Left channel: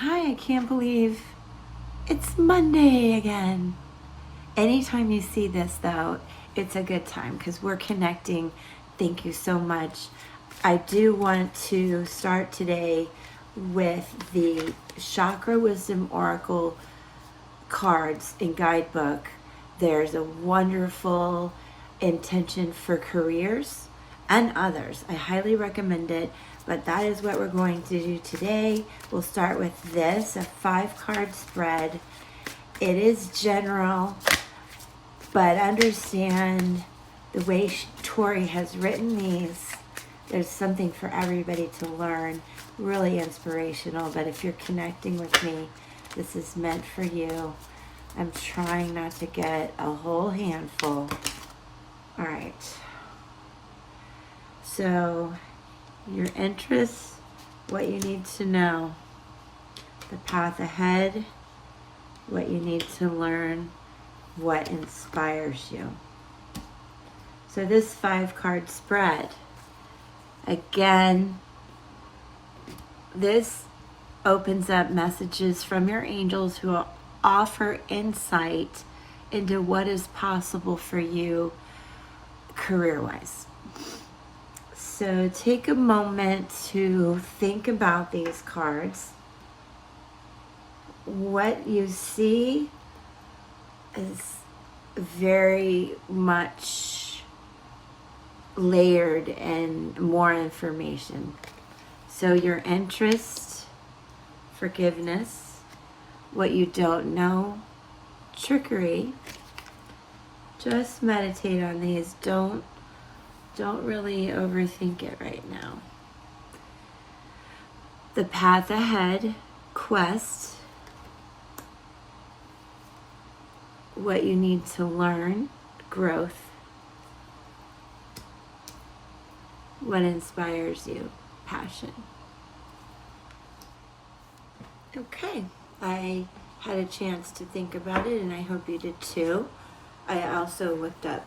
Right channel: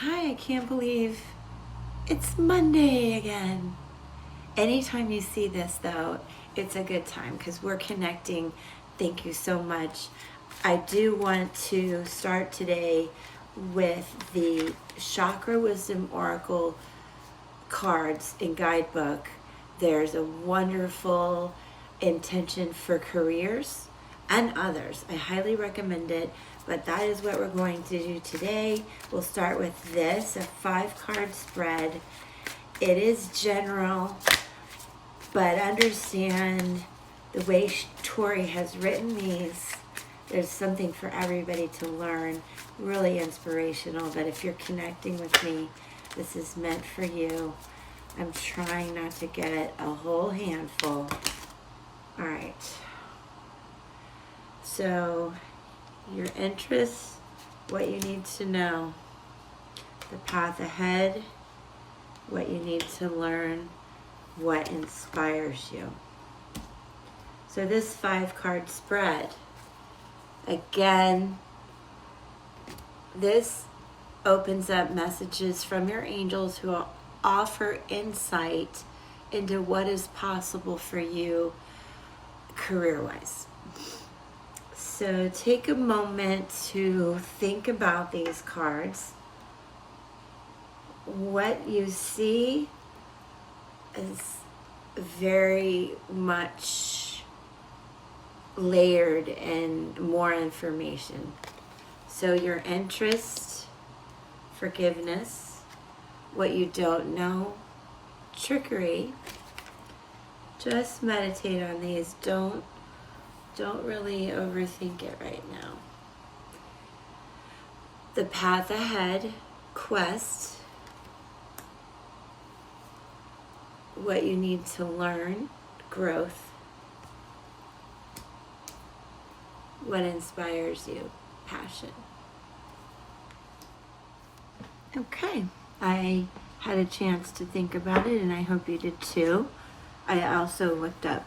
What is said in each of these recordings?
Hi, I can't believe it's Monday again. Anytime you see this, though, it's a good time because we're connecting. Thank you so much. I do want to start today with the Chakra Wisdom Oracle cards and guidebook. There's a wonderful intention for careers and others. I highly recommend it, but that is what we're going to do today. We'll start with this, a 5-card spread. It is general, but understand the way Tori has written these, there's something for everybody to learn. Really inspirational, but if you're connecting with me, this is meant for you. I'm trying not to get a whole handful. All right. So, your interests, what you need to know, the path ahead, what you need to learn, what inspires you. So this 5-card spread, again, this opens up messages from your angels who offer insight into what is possible for you career-wise. So take a moment to think about these cards. What you see is very much layered and more information. So your interest, forgiveness, what you don't know, trickery. Just meditate on these. Don't really overthink it right now. The path ahead, quest, what you need to learn, growth, what inspires you, passion. Okay, I had a chance to think about it, and I hope you did too. I also looked up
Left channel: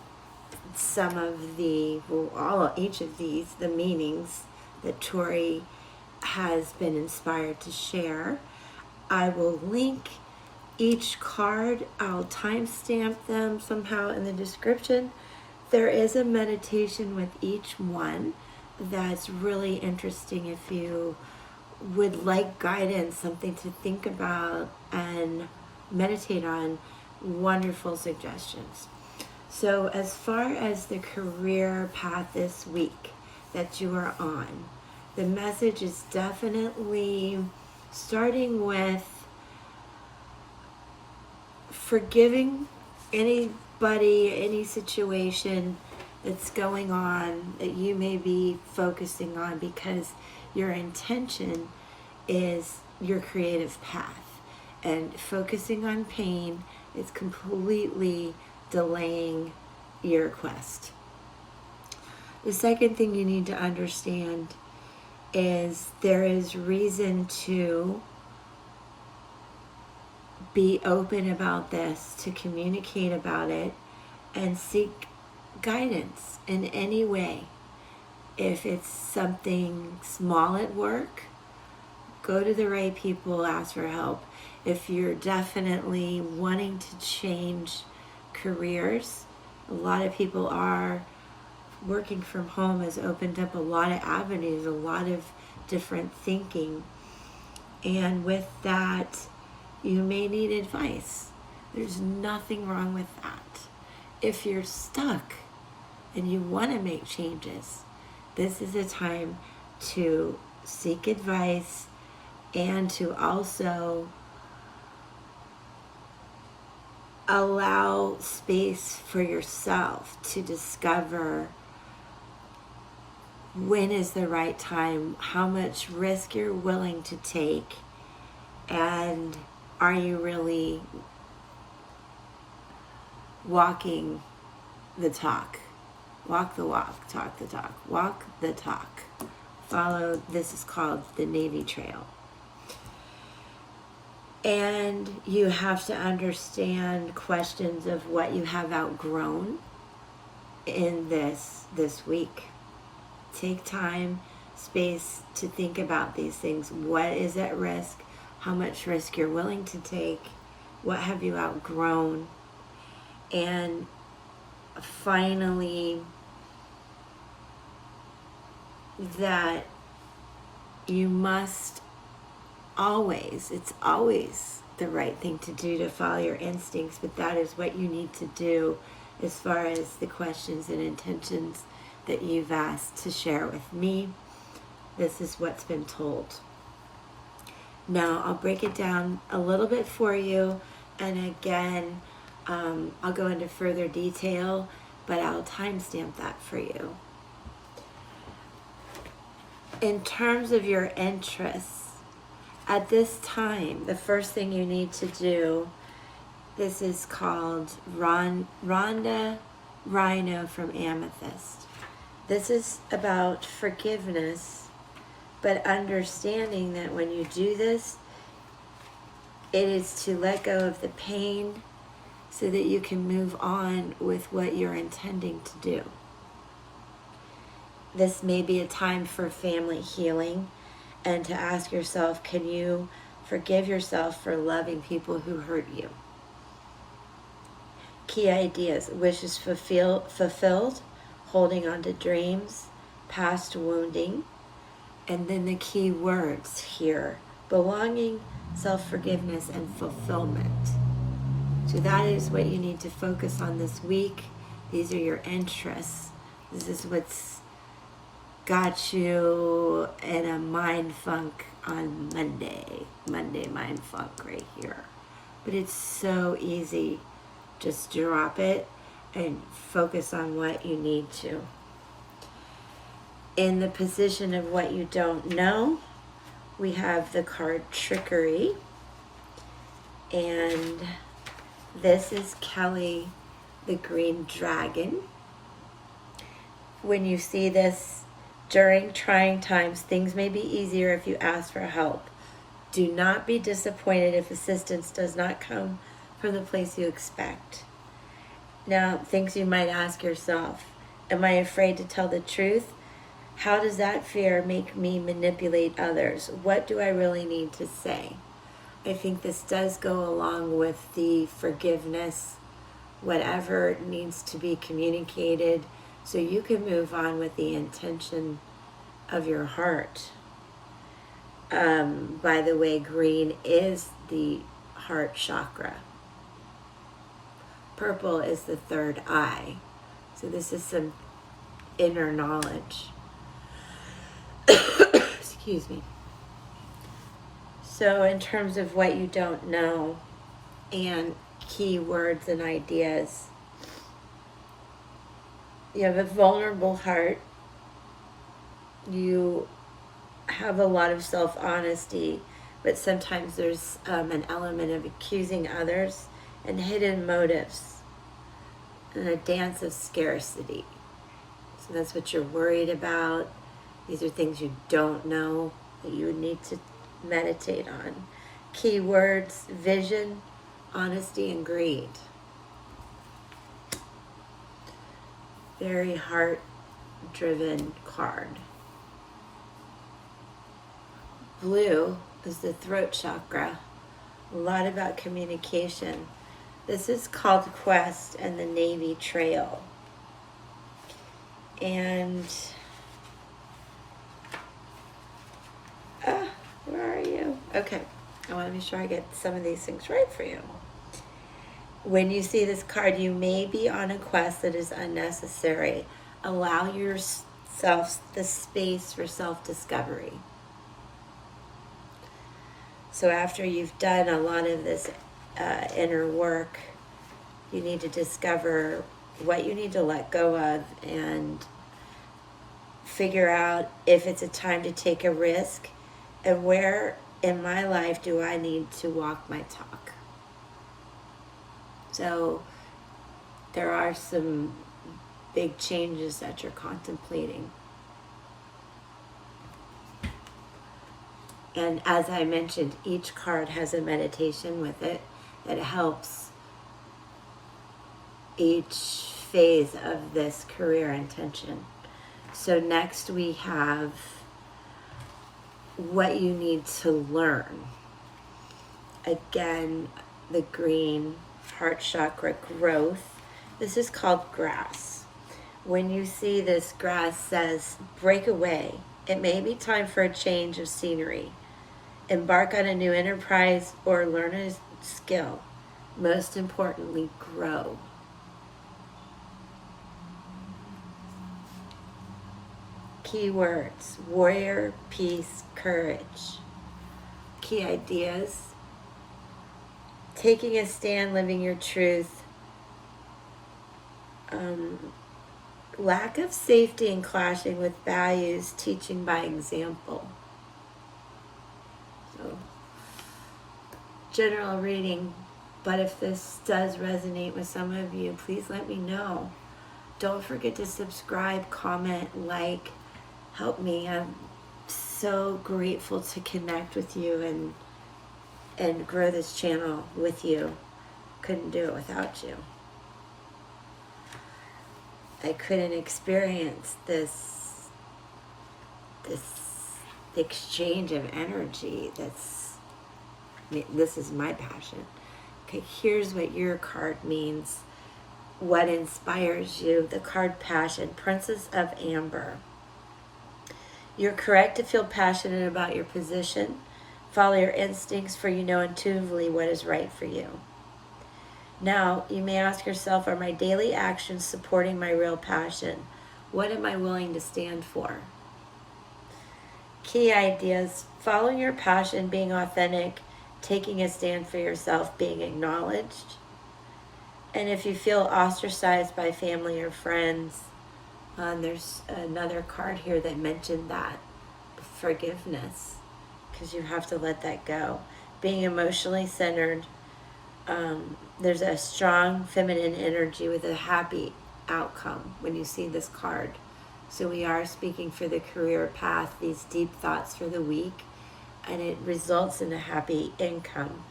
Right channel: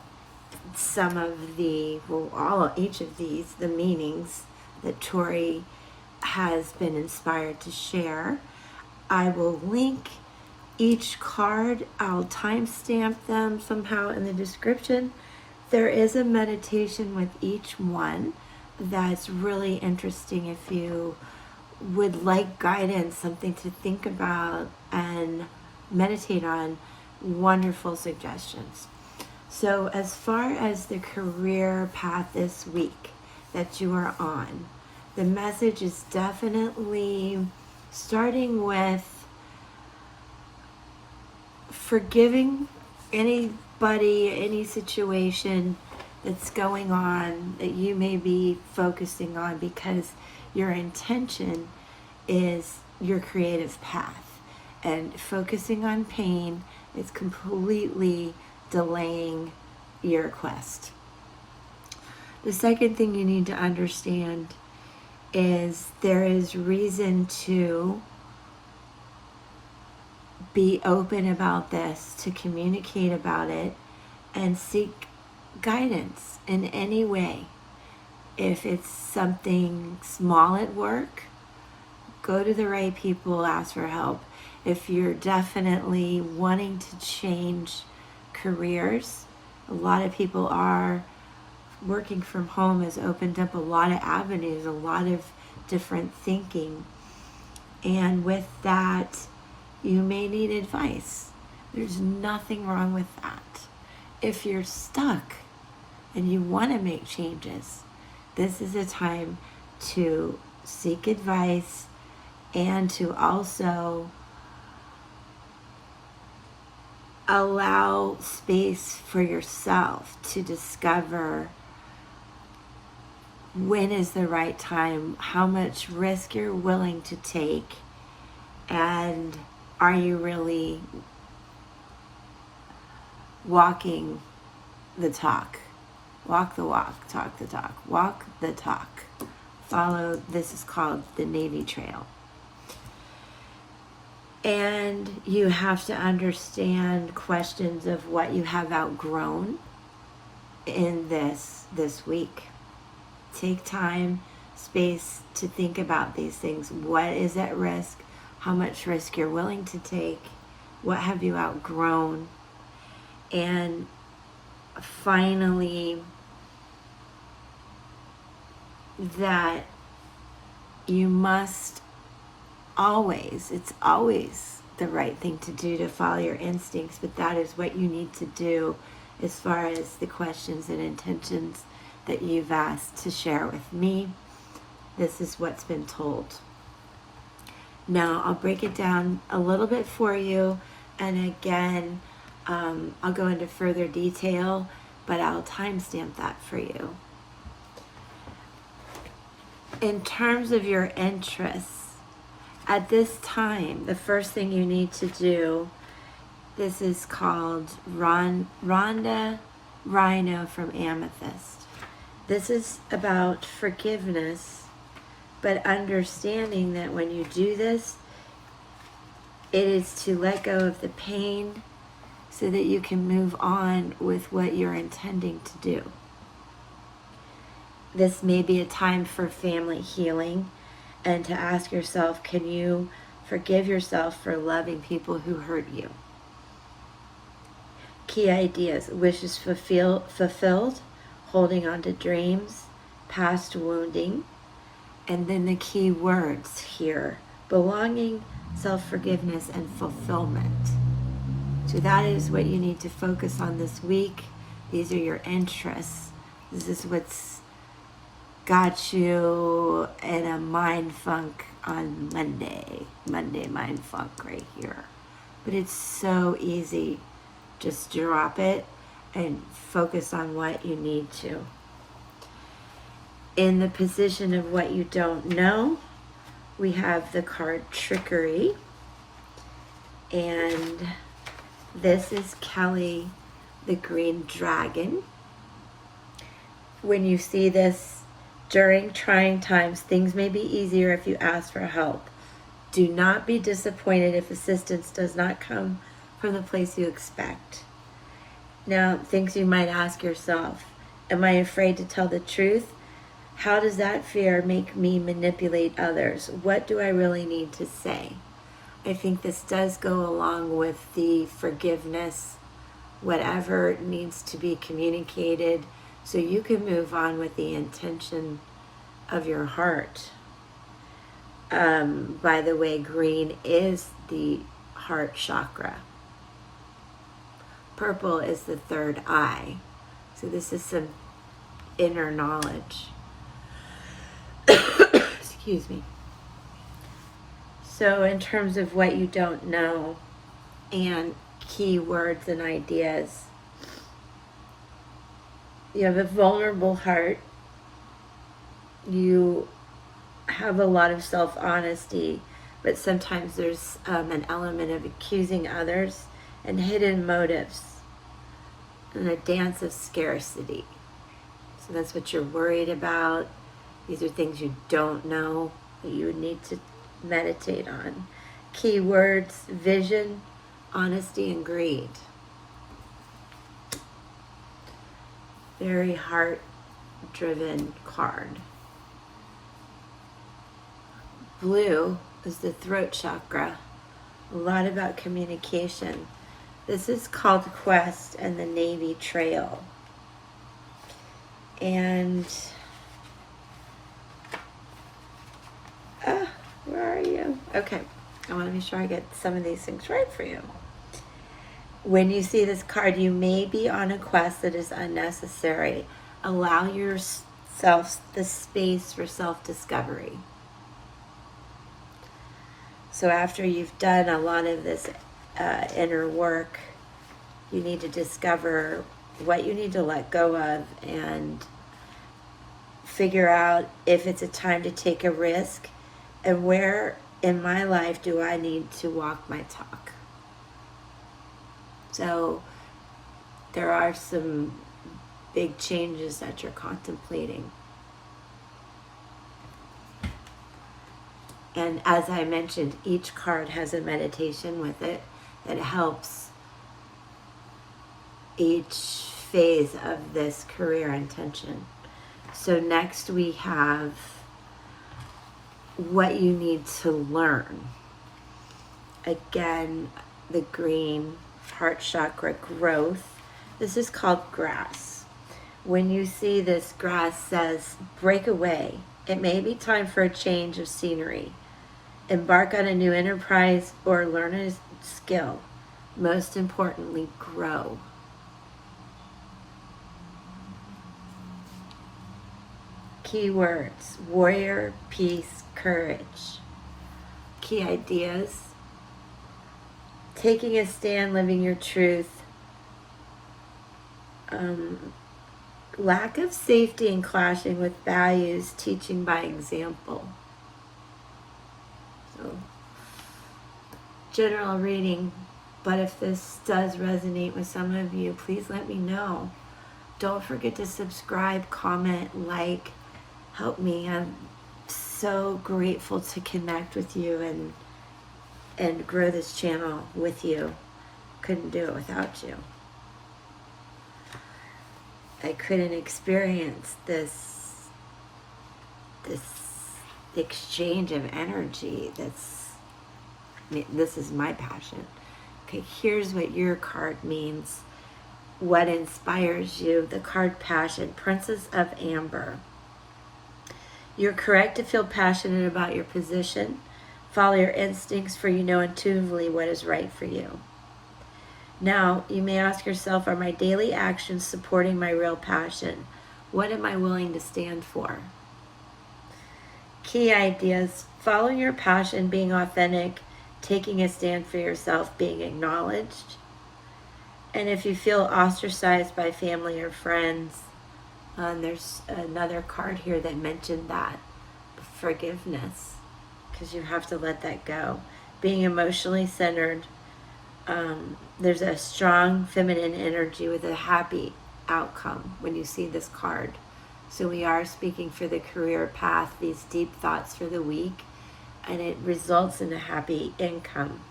some of each of these, the meanings that Tori has been inspired to share. I will link each card. I'll timestamp them somehow in the description. There is a meditation with each one that's really interesting if you would like guidance, something to think about and meditate on. Wonderful suggestions. So as far as the career path this week that you are on, the message is definitely starting with forgiving anybody, any situation that's going on that you may be focusing on, because your intention is your creative path, and focusing on pain is completely delaying your quest. The second thing you need to understand is there is reason to be open about this, to communicate about it, and seek guidance in any way. If it's something small at work, go to the right people, ask for help. If you're definitely wanting to change careers, a lot of people are working from home has opened up a lot of avenues, a lot of different thinking. And with that, you may need advice. There's nothing wrong with that. If you're stuck and you want to make changes, this is a time to seek advice and to also allow space for yourself to discover when is the right time, how much risk you're willing to take, and are you really walking the talk? Walk the walk, talk the talk. Walk the talk. Follow, this is called the Navy Trail. And you have to understand questions of what you have outgrown in this week. Take time, space to think about these things. What is at risk? how much risk you're willing to take, what have you outgrown, and finally that you must always, it's always the right thing to do to follow your instincts, but that is what you need to do as far as the questions and intentions that you've asked to share with me. This is what's been told. Now, I'll break it down a little bit for you, and again, I'll go into further detail, but I'll timestamp that for you. In terms of your interests, at this time, the first thing you need to do, this is called Rhonda Rhino from Amethyst. This is about forgiveness, but understanding that when you do this, it is to let go of the pain so that you can move on with what you're intending to do. This may be a time for family healing and to ask yourself, can you forgive yourself for loving people who hurt you? Key ideas: wishes fulfilled, holding on to dreams, past wounding, and then the key words here: belonging, self-forgiveness, and fulfillment. So that is what you need to focus on this week. These are your interests. This is what's got you in a mind funk on Monday mind funk right here. But it's so easy. Just drop it and focus on what you need to. In the position of what you don't know, we have the card Trickery. And this is Kelly, the green dragon. When you see this during trying times, things may be easier if you ask for help. Do not be disappointed if assistance does not come from the place you expect. Now, things you might ask yourself: am I afraid to tell the truth? How does that fear make me manipulate others? What do I really need to say? I think this does go along with the forgiveness, whatever needs to be communicated, so you can move on with the intention of your heart. By the way, green is the heart chakra. Purple is the third eye. So this is some inner knowledge. Excuse me. So in terms of what you don't know and key words and ideas, you have a vulnerable heart. You have a lot of self-honesty, but sometimes there's an element of accusing others and hidden motives and a dance of scarcity. So that's what you're worried about. These are things you don't know that you would need to meditate on. Key words: vision, honesty, and greed. Very heart-driven card. Blue is the throat chakra. A lot about communication. This is called Quest and the Navy Trail. And where are you? Okay, I want to make sure I get some of these things right for you. When you see this card, you may be on a quest that is unnecessary. Allow yourself the space for self-discovery. So after you've done a lot of this inner work, you need to discover what you need to let go of and figure out if it's a time to take a risk and where in my life do I need to walk my talk. So there are some big changes that you're contemplating. And as I mentioned, each card has a meditation with it that helps each phase of this career intention. So next we have what you need to learn. Again, the green, heart chakra growth. This is called grass. When you see this, grass says, break away. It may be time for a change of scenery. Embark on a new enterprise or learn a skill. Most importantly, grow. Keywords: warrior, peace, courage. Key ideas: taking a stand, living your truth. Lack of safety and clashing with values, teaching by example. So, general reading, but if this does resonate with some of you, please let me know. Don't forget to subscribe, comment, like, help me. I'm so grateful to connect with you and grow this channel with you. Couldn't do it without you. I couldn't experience this exchange of energy. This is my passion. Okay, here's what your card means. What inspires you? The card Passion, Princess of Amber. You're correct to feel passionate about your position. Follow your instincts, for you know intuitively what is right for you. Now, you may ask yourself, are my daily actions supporting my real passion? What am I willing to stand for? Key ideas: following your passion, being authentic, taking a stand for yourself, being acknowledged. And if you feel ostracized by family or friends, there's another card here that mentioned that. Forgiveness, because you have to let that go. Being emotionally centered. There's a strong feminine energy with a happy outcome when you see this card. So we are speaking for the career path, these deep thoughts for the week, and it results in a happy income.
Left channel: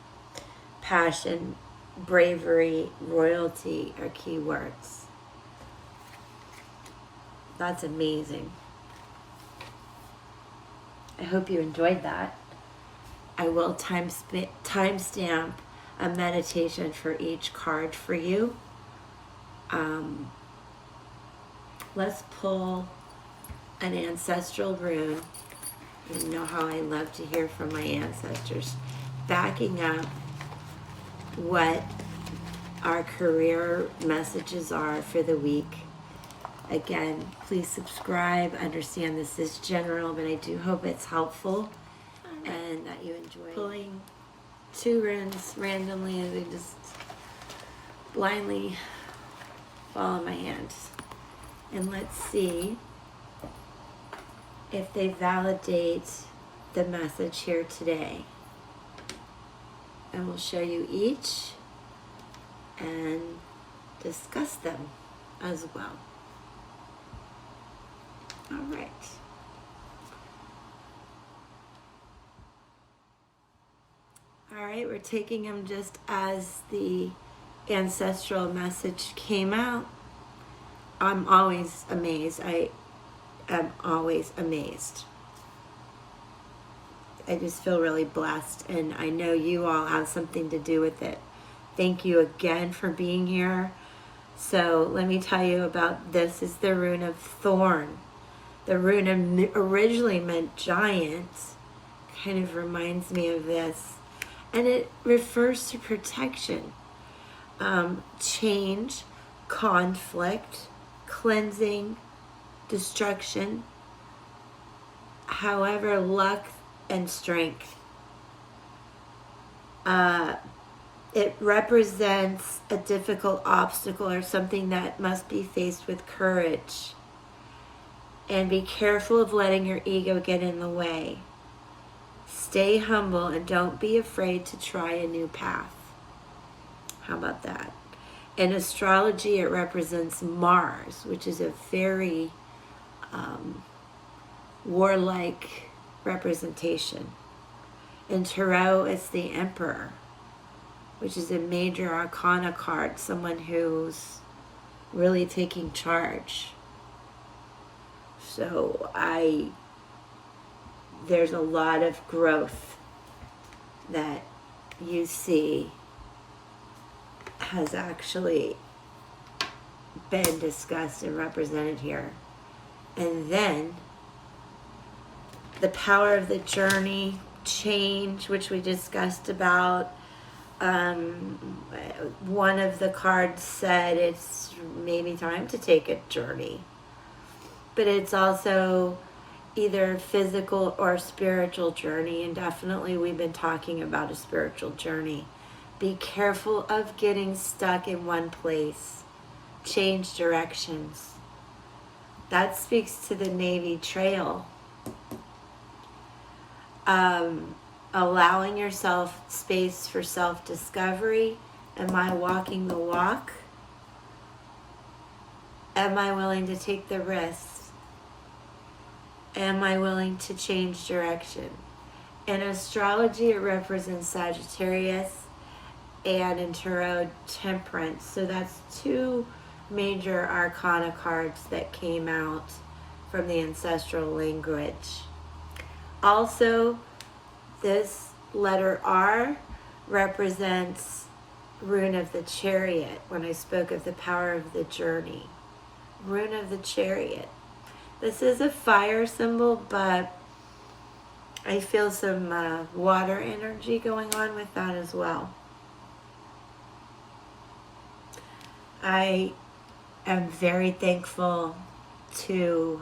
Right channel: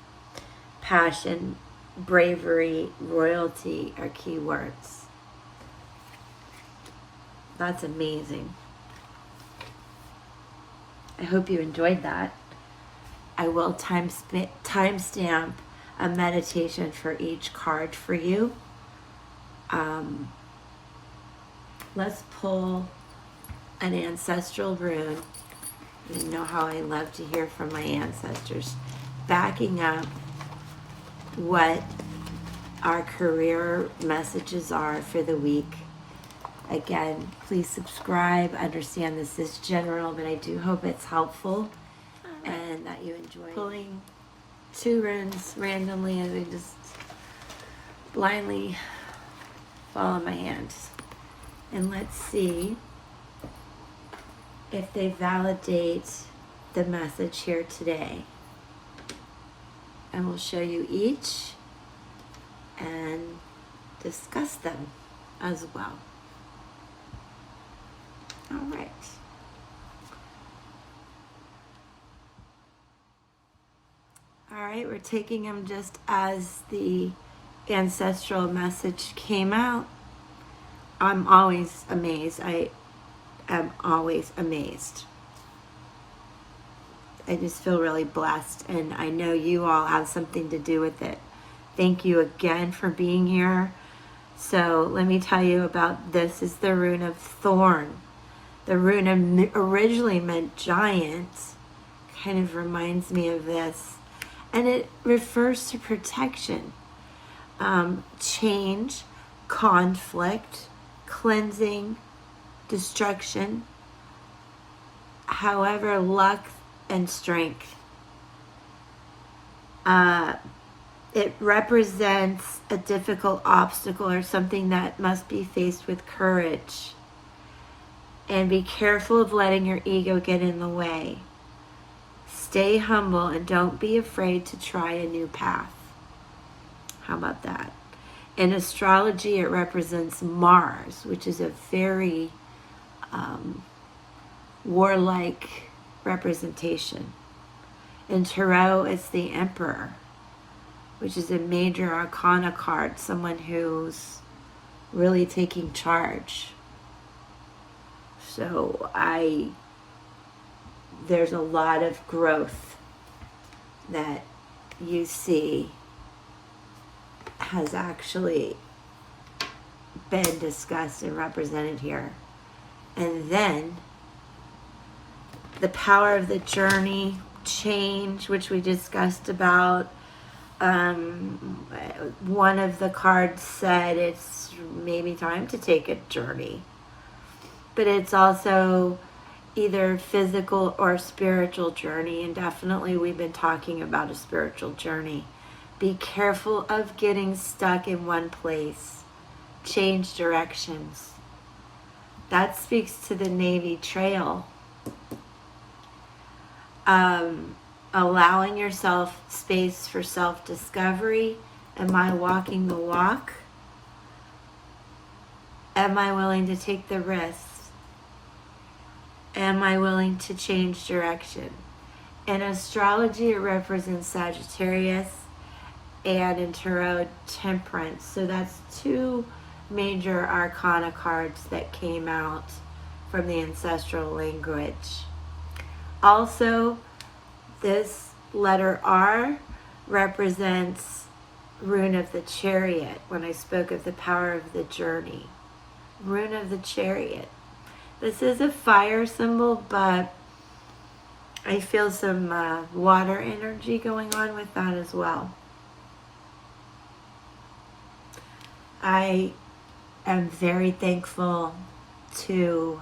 Passion, bravery, royalty are key words. That's amazing. I hope you enjoyed that. I will timestamp a meditation for each card for you. Let's pull an ancestral rune. You know how I love to hear from my ancestors, backing up what our career messages are for the week. Again, please subscribe. Understand this is general, but I do hope it's helpful and that you enjoy pulling 2 runes randomly, and I just blindly follow my hands. And let's see if they validate the message here today. And we'll show you each and discuss them as well. All right. All right, we're taking them just as the ancestral message came out. I'm always amazed. I am always amazed. I just feel really blessed, and I know you all have something to do with it. Thank you again for being here. So let me tell you about this. Is the rune of thorn. The rune originally meant giant. Kind of reminds me of this. And it refers to protection, change, conflict, cleansing, destruction. However, luck and strength. It represents a difficult obstacle or something that must be faced with courage. And be careful of letting your ego get in the way. Stay humble and don't be afraid to try a new path. How about that? In astrology, it represents Mars, which is a very warlike representation. In tarot, it's the Emperor, which is a major arcana card, someone who's really taking charge. So there's a lot of growth that you see has actually been discussed and represented here. And then the power of the journey, change, which we discussed about. One of the cards said it's maybe time to take a journey. But it's also either physical or spiritual journey, and definitely we've been talking about a spiritual journey. Be careful of getting stuck in one place. Change directions. That speaks to the Navy Trail. Allowing yourself space for self-discovery. Am I walking the walk? Am I willing to take the risks? Am I willing to change direction? In astrology, it represents Sagittarius, and in tarot, Temperance. So that's two major arcana cards that came out from the ancestral language. Also, this letter R represents Rune of the Chariot when I spoke of the power of the journey. Rune of the Chariot. This is a fire symbol, but I feel some water energy going on with that as well. I am very thankful to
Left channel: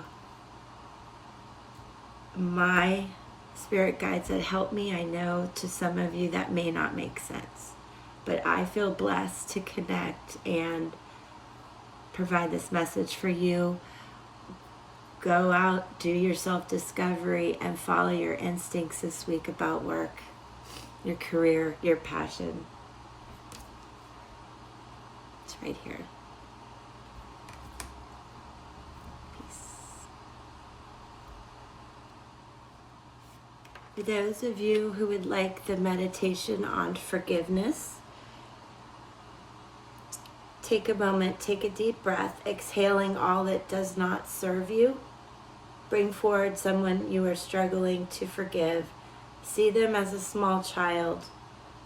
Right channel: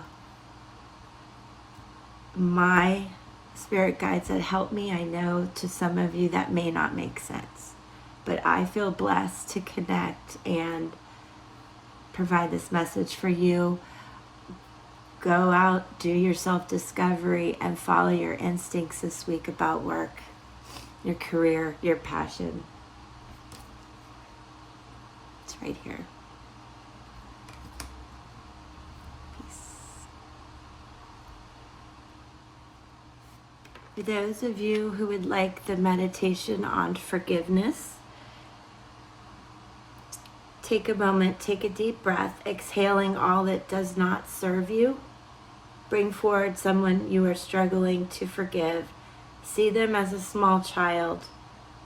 my spirit guides that help me. I know to some of you that may not make sense, but I feel blessed to connect and provide this message for you. Go out, do your self-discovery, and follow your instincts this week about work, your career, your passion. It's right here. For those of you who would like the meditation on forgiveness, take a moment, take a deep breath, exhaling all that does not serve you. Bring forward someone you are struggling to forgive. See them as a small child.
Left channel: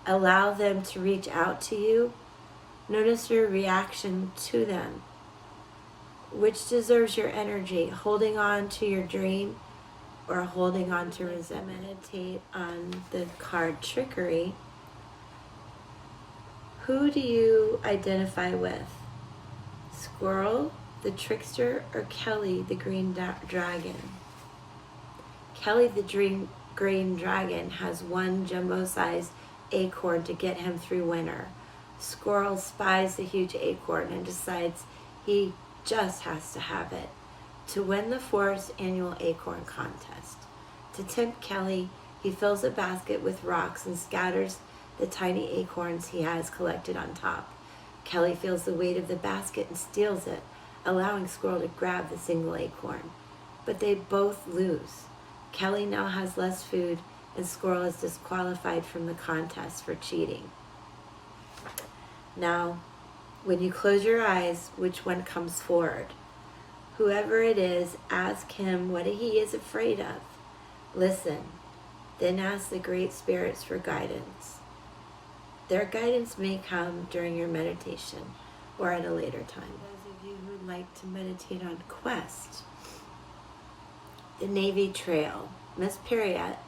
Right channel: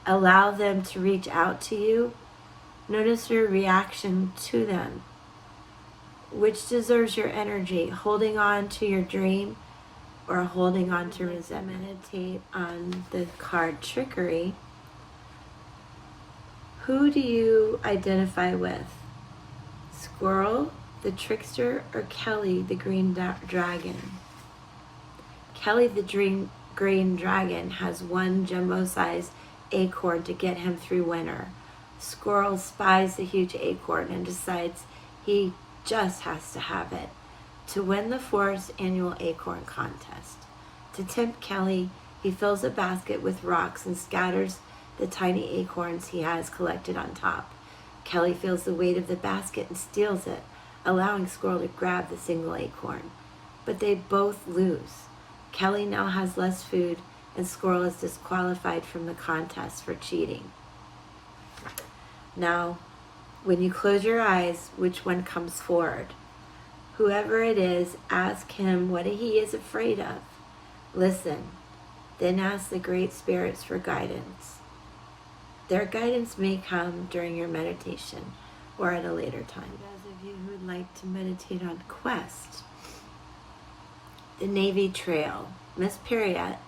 Allow them to reach out to you. Notice your reaction to them. Which deserves your energy? Holding on to your dream or holding on to resentment? Meditate on the card Trickery. Who do you identify with? Squirrel, the trickster, or Kelly, the green dragon? Kelly, the green dragon, has one jumbo-sized acorn to get him through winter. Squirrel spies the huge acorn and decides he just has to have it to win the forest annual acorn contest. To tempt Kelly, he fills a basket with rocks and scatters the tiny acorns he has collected on top. Kelly feels the weight of the basket and steals it, allowing Squirrel to grab the single acorn. But they both lose. Kelly now has less food, and Squirrel is disqualified from the contest for cheating. Now, when you close your eyes, which one comes forward? Whoever it is, ask him what he is afraid of. Listen, then ask the great spirits for guidance. Their guidance may come during your meditation or at a later time. Those of you who would like to meditate on quest, the Navy Trail. Miss Patriot,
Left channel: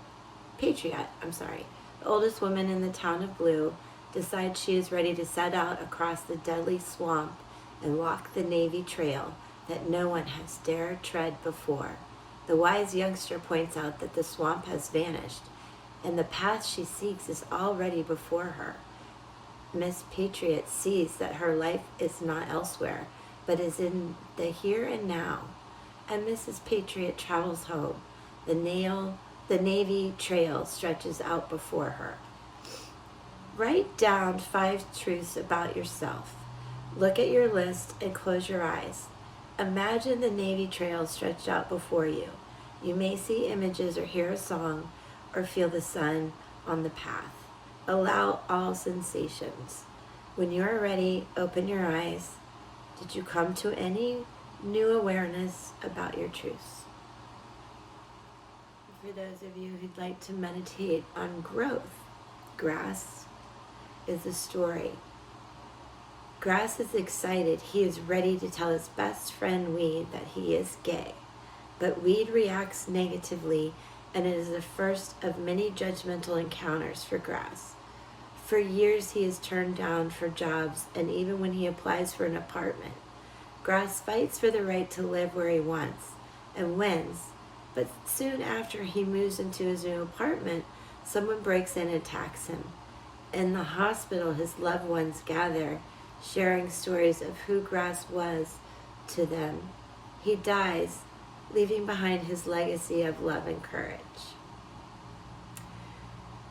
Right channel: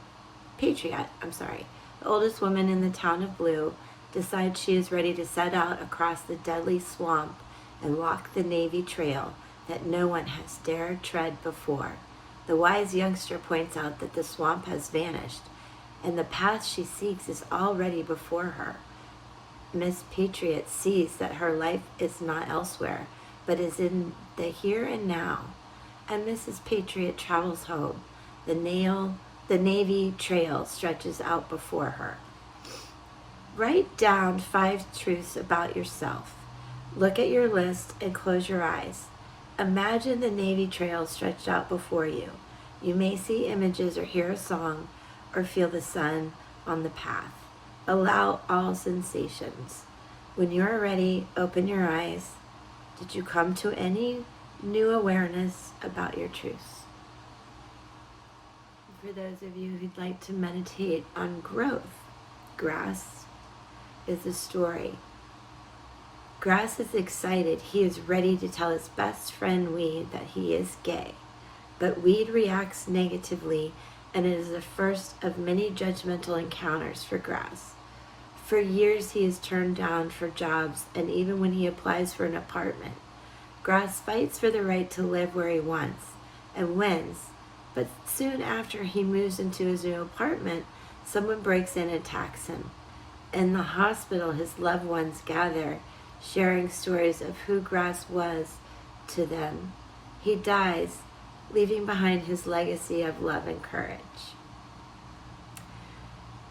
the oldest woman in the town of Blue, decides she is ready to set out across the deadly swamp and walk the Navy Trail that no one has dared tread before. The wise youngster points out that the swamp has vanished, and the path she seeks is already before her. Miss Patriot sees that her life is not elsewhere, but is in the here and now, and Mrs. Patriot travels home. The Navy Trail stretches out before her. Write down 5 truths about yourself. Look at your list and close your eyes. Imagine the Navy Trail stretched out before you. You may see images or hear a song or feel the sun on the path. Allow all sensations. When you are ready, open your eyes. Did you come to any new awareness about your truths? For those of you who'd like to meditate on growth, grass, is the story. Grass is excited. He is ready to tell his best friend Weed that he is gay. But Weed reacts negatively, and it is the first of many judgmental encounters for Grass. For years he is turned down for jobs, and even when he applies for an apartment. Grass fights for the right to live where he wants, and wins. But soon after he moves into his new apartment, someone breaks in and attacks him. In the hospital, his loved ones gather, sharing stories of who Grass was to them. He dies, leaving behind his legacy of love and courage.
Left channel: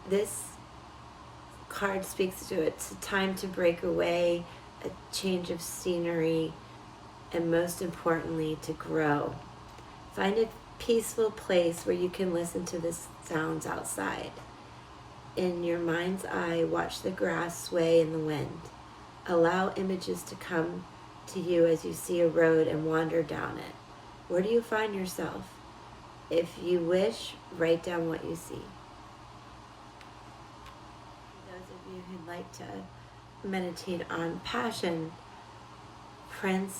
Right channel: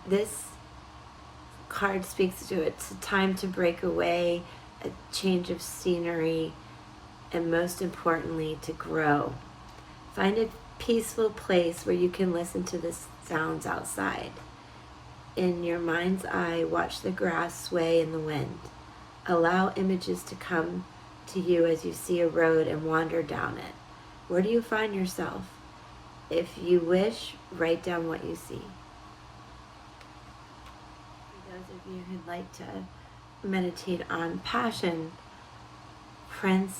This card speaks to it's a time to break away, a change of scenery, and most importantly, to grow. Find a peaceful place where you can listen to the sounds outside. In your mind's eye, watch the grass sway in the wind. Allow images to come to you as you see a road and wander down it. Where do you find yourself? If you wish, write down what you see. For those of you who'd like to meditate on passion, Prince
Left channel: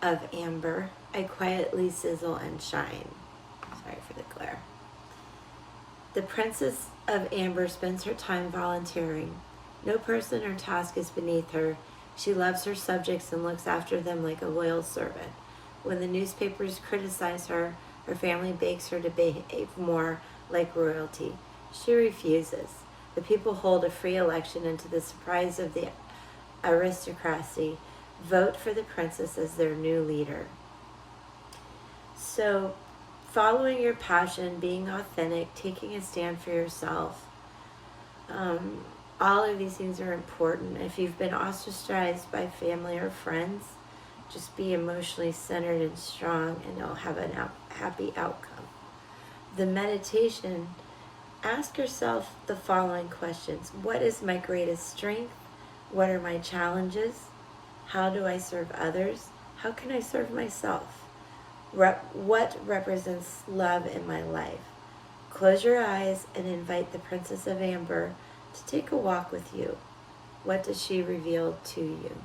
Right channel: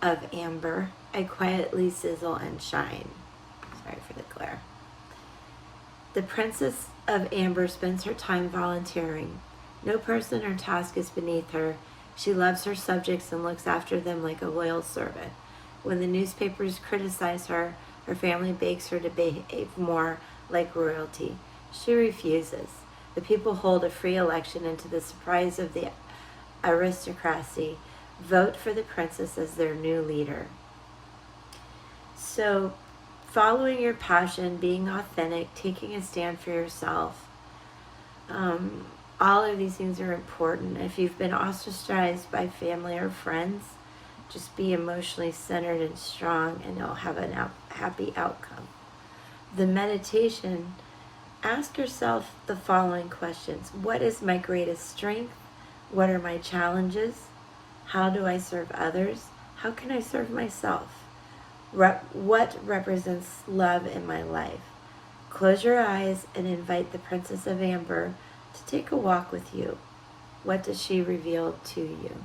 of Amber, I quietly sizzle and shine. Sorry for the glare. The Princess of Amber spends her time volunteering. No person or task is beneath her. She loves her subjects and looks after them like a loyal servant. When the newspapers criticize her, her family begs her to behave more like royalty. She refuses. The people hold a free election, and to the surprise of the aristocracy, vote for the princess as their new leader. So, following your passion, being authentic, taking a stand for yourself, all of these things are important. If you've been ostracized by family or friends, just be emotionally centered and strong, and you'll have a happy outcome. The meditation, ask yourself the following questions. What is my greatest strength? What are my challenges? How do I serve others? How can I serve myself? What represents love in my life? Close your eyes and invite the Princess of Amber to take a walk with you. What does she reveal to you?